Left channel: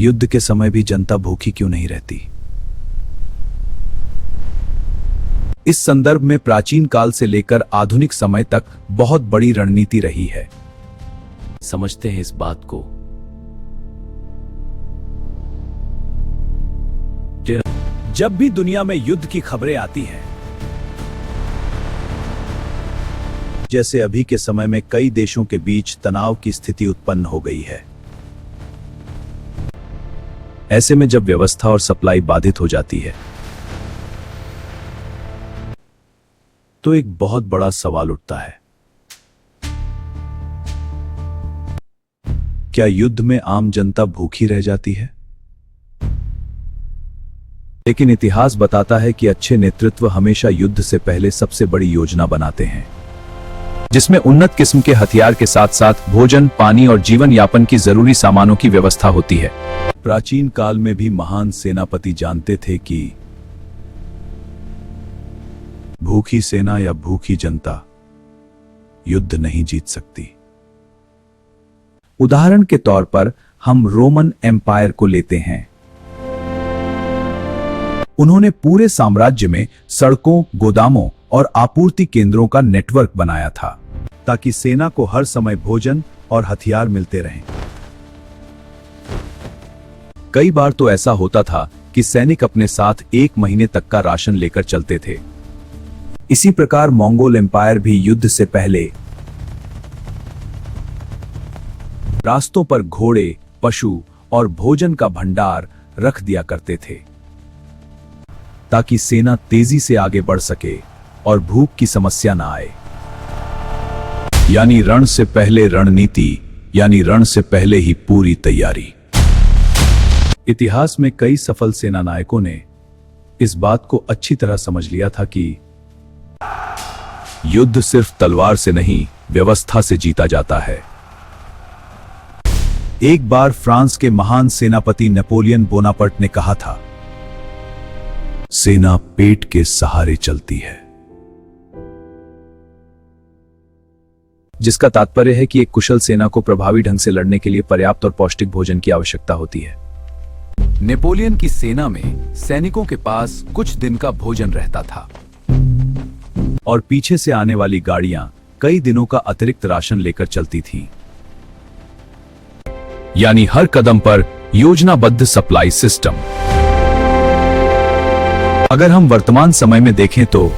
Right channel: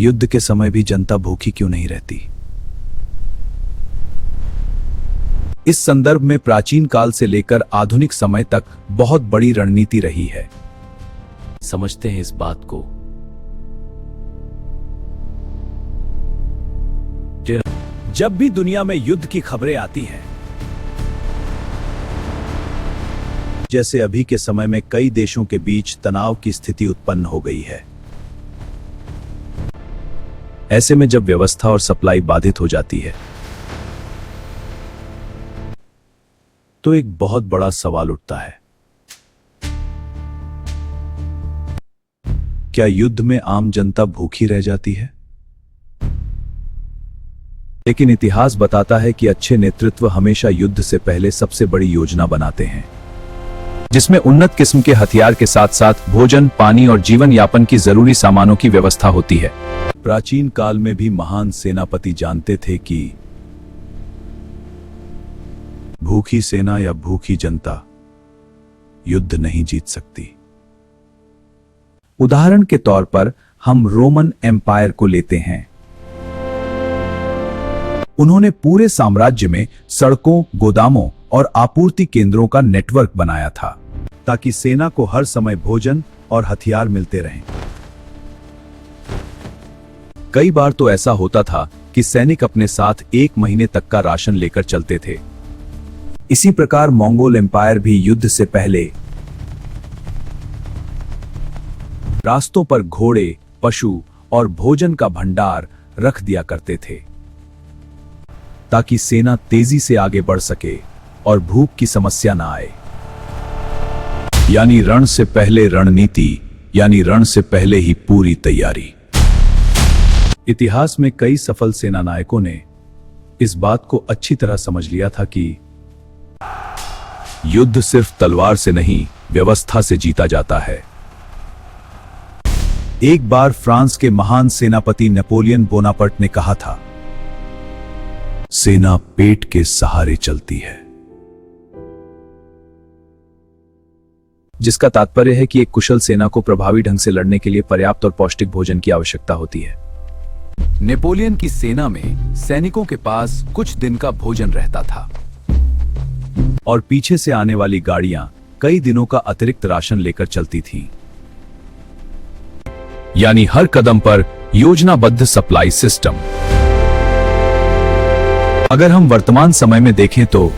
युद्ध के समय भी जनता भूखी क्यों नहीं रहती? इस संदर्भ में प्राचीन काल से लेकर आधुनिक समय तक बहुत बड़ी रणनीति रही है। समझते हैं इस बात को। जब भी दुनिया में युद्ध की खबरें आती हैं, जैसे अभी के समय में कई देशों के बीच तनाव की स्थिति उत्पन्न हो गई है, ऐसे में जब व्यवस्था और सप्लाई बाधित हो जाती है तो एक बहुत बड़ा सवाल उठता है, क्या युद्ध में आम जनता भूखी रह जाती है? लेकिन इतिहास बताता है कि अच्छे नेतृत्व हमेशा युद्ध से पहले सबसे बड़ी योजना बनाते हैं, जिसमें उन्नत किस्म के हथियार के साथ साथ भोजन, पानी और जीवन यापन की जरूरी सामानों की व्यवस्था होती है। प्राचीन काल में भी महान सेनापति जानते थे कि भूखी सेना या भूखी जनता युद्ध नहीं जीत सकती। उदाहरण के तौर पर हम रोमन एम्पायर को लेते हैं। उन्होंने पूरे साम्राज्य में सड़कों, गोदामों और आपूर्ति केंद्रों का नेटवर्क बनाया था ताकि सेना को हर समय भोजन और हथियार मिलते रहें। कई बार तो ऐसा होता था कि सैनिक अपने साथ 1 महीने तक का राशन लेकर चलते थे। इसी प्रकार मंगोल एम्पायर भी युद्ध से पहले रास्तों पर घोड़े, पशु और भोजन का भंडार रख दिया करते थे ताकि सेना तेजी से आगे बढ़ सके और भूख की समस्या ना आए। यानी रण से पहले रणनीति, यानी रण से पहले ही पूरी तैयारी। इतिहास में कई सफल सेना नायकों ने इस बात को अच्छी तरह समझ लिया था कि युद्ध सिर्फ तलवार से नहीं, व्यवस्था से जीता जाता है। एक बार फ्रांस के महान सेनापति नेपोलियन बोनापार्ट ने कहा था, सेना पेट के सहारे चलती है, जिसका तात्पर्य है कि एक कुशल सेना को प्रभावी ढंग से लड़ने के लिए पर्याप्त और पौष्टिक भोजन की आवश्यकता होती है। नेपोलियन की सेना में सैनिकों के पास कुछ दिन का भोजन रहता था और पीछे से आने वाली गाड़ियां कई दिनों का अतिरिक्त राशन लेकर चलती थी। यानी हर कदम पर योजनाबद्ध सप्लाई सिस्टम। अगर हम वर्तमान समय में देखें तो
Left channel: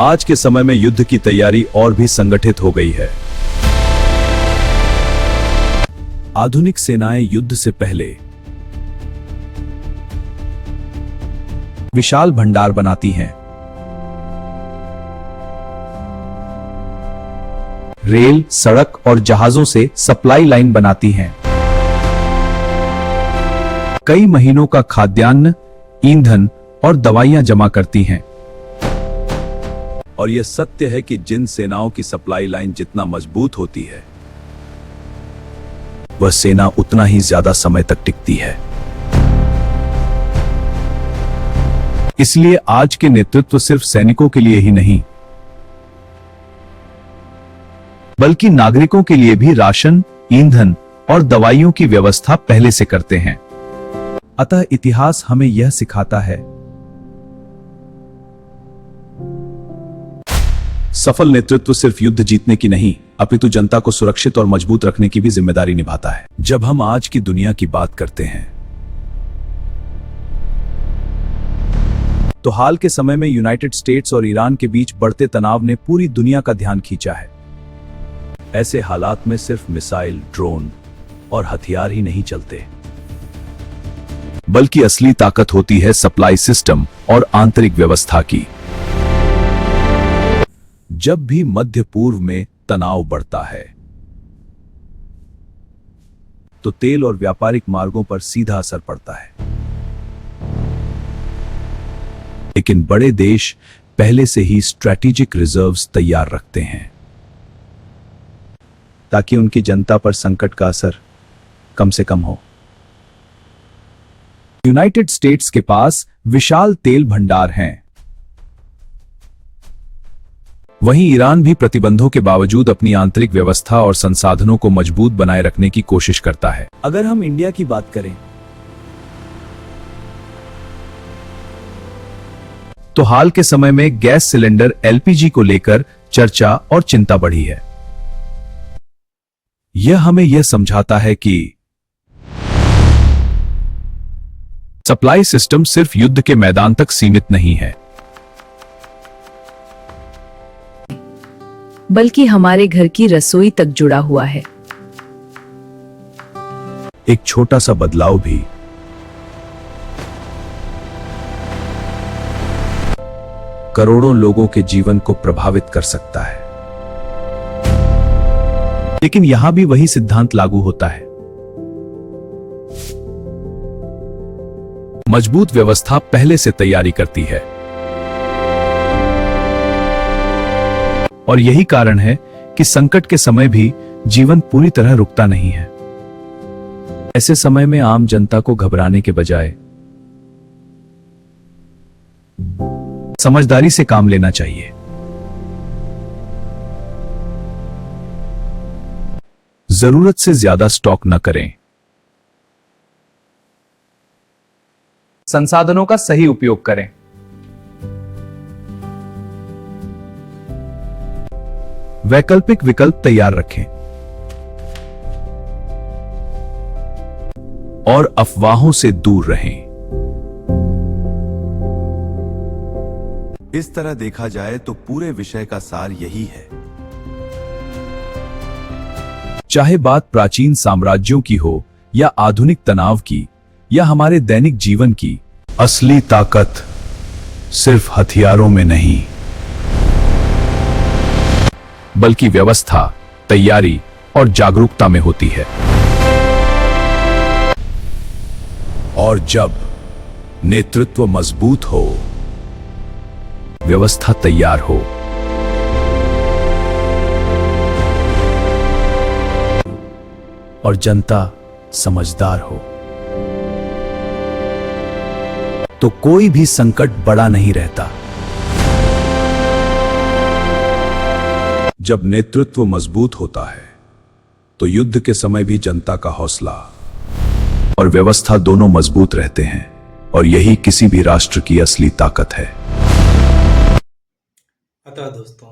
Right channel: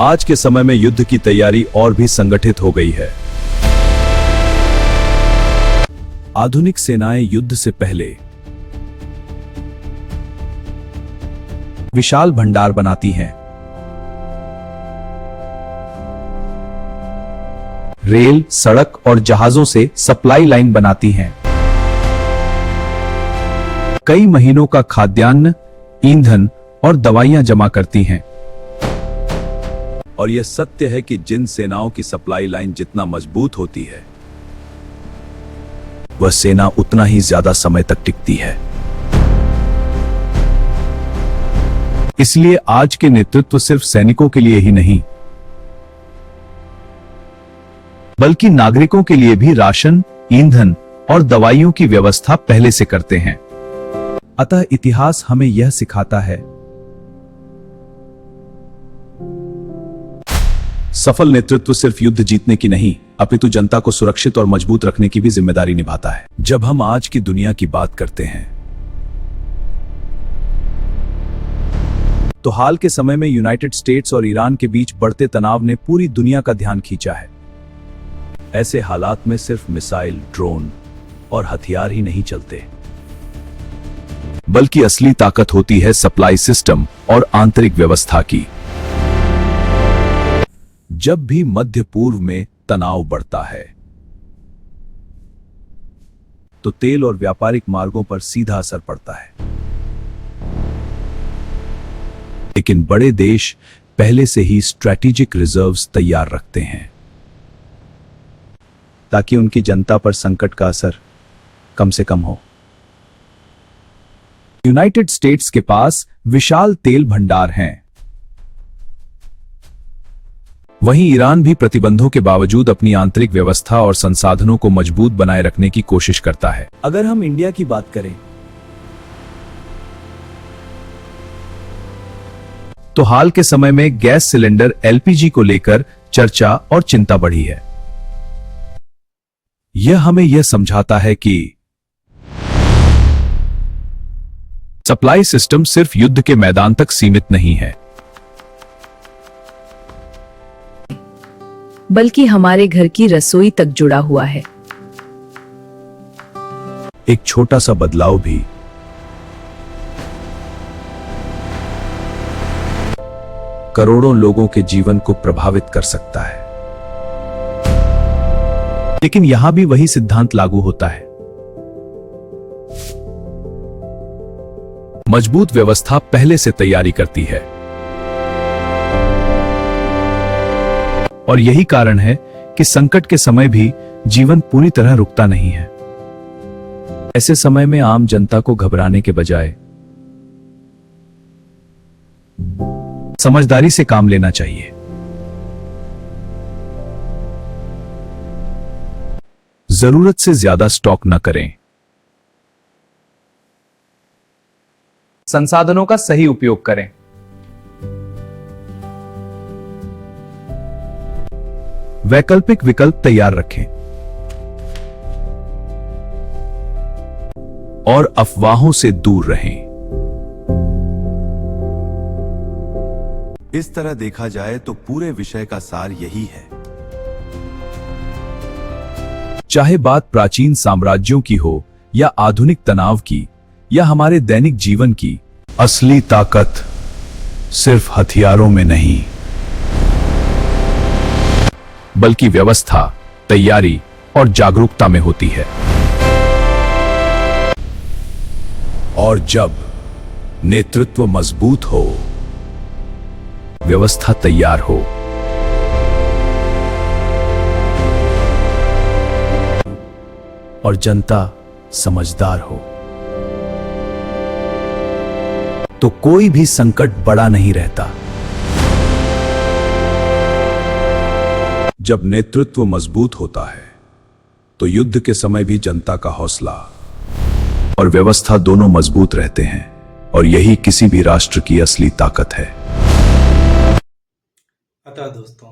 आज के समय में युद्ध की तैयारी और भी संगठित हो गई है। आधुनिक सेनाएं युद्ध से पहले विशाल भंडार बनाती हैं। रेल, सड़क और जहाजों से सप्लाई लाइन बनाती हैं। कई महीनों का खाद्यान्न, ईंधन और दवाइयां जमा करती हैं। और यह सत्य है कि जिन सेनाओं की सप्लाई लाइन जितना मजबूत होती है, वह सेना उतना ही ज्यादा समय तक टिकती है। इसलिए आज के नेतृत्व सिर्फ सैनिकों के लिए ही नहीं, बल्कि नागरिकों के लिए भी राशन, ईंधन और दवाइयों की व्यवस्था पहले से करते हैं। अतः इतिहास हमें यह सिखाता है, सफल नेतृत्व सिर्फ युद्ध जीतने की नहीं, अपितु जनता को सुरक्षित और मजबूत रखने की भी जिम्मेदारी निभाता है। जब हम आज की दुनिया की बात करते हैं तो हाल के समय में यूनाइटेड स्टेट्स और ईरान के बीच बढ़ते तनाव ने पूरी दुनिया का ध्यान खींचा है। ऐसे हालात में सिर्फ मिसाइल, ड्रोन और हथियार ही नहीं चलते, बल्कि असली ताकत होती है सप्लाई सिस्टम और आंतरिक व्यवस्था की। जब भी मध्य पूर्व में तनाव बढ़ता है तो तेल और व्यापारिक मार्गों पर सीधा असर पड़ता है। लेकिन बड़े देश पहले से ही स्ट्रैटेजिक रिजर्व्स तैयार रखते हैं ताकि उनकी जनता पर संकट का असर कम से कम हो। यूनाइटेड स्टेट्स के पास विशाल तेल भंडार हैं। वहीं ईरान भी प्रतिबंधों के बावजूद अपनी आंतरिक व्यवस्था और संसाधनों को मजबूत बनाए रखने की कोशिश करता है। अगर हम इंडिया की बात करें तो हाल के समय में गैस सिलेंडर एलपीजी को लेकर चर्चा और चिंता बढ़ी है। यह हमें यह समझाता है कि सप्लाई सिस्टम सिर्फ युद्ध के मैदान तक सीमित नहीं है, बल्कि हमारे घर की रसोई तक जुड़ा हुआ है। एक छोटा सा बदलाव भी करोड़ों लोगों के जीवन को प्रभावित कर सकता है। लेकिन यहां भी वही सिद्धांत लागू होता है। मजबूत व्यवस्था पहले से तैयारी करती है, और यही कारण है कि संकट के समय भी जीवन पूरी तरह रुकता नहीं है। ऐसे समय में आम जनता को घबराने के बजाय समझदारी से काम लेना चाहिए। जरूरत से ज्यादा स्टॉक न करें। संसाधनों का सही उपयोग करें। वैकल्पिक विकल्प तैयार रखें और अफवाहों से दूर रहें। इस तरह देखा जाए तो पूरे विषय का सार यही है। चाहे बात प्राचीन साम्राज्यों की हो या आधुनिक तनाव की या हमारे दैनिक जीवन की, असली ताकत सिर्फ हथियारों में नहीं, बल्कि व्यवस्था, तैयारी और जागरूकता में होती है। और जब नेतृत्व मजबूत हो, व्यवस्था तैयार हो, और जनता समझदार हो, तो कोई भी संकट बड़ा नहीं रहता। जब नेतृत्व मजबूत होता है तो युद्ध के समय भी जनता का हौसला और व्यवस्था दोनों मजबूत रहते हैं, और यही किसी भी राष्ट्र की असली ताकत है। अतः दोस्तों,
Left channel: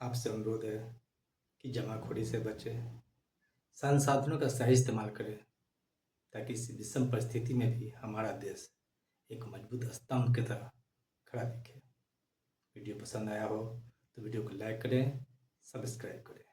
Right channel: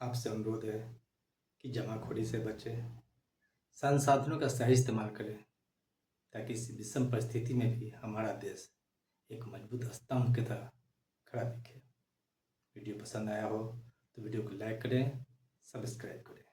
आपसे अनुरोध है कि जमाखोरी से बचें, संसाधनों का सही इस्तेमाल करें, ताकि इस विषम परिस्थिति में भी हमारा देश एक मजबूत स्तंभ की तरह खड़ा दिखे। वीडियो पसंद आया हो तो वीडियो को लाइक करें, सब्सक्राइब करें।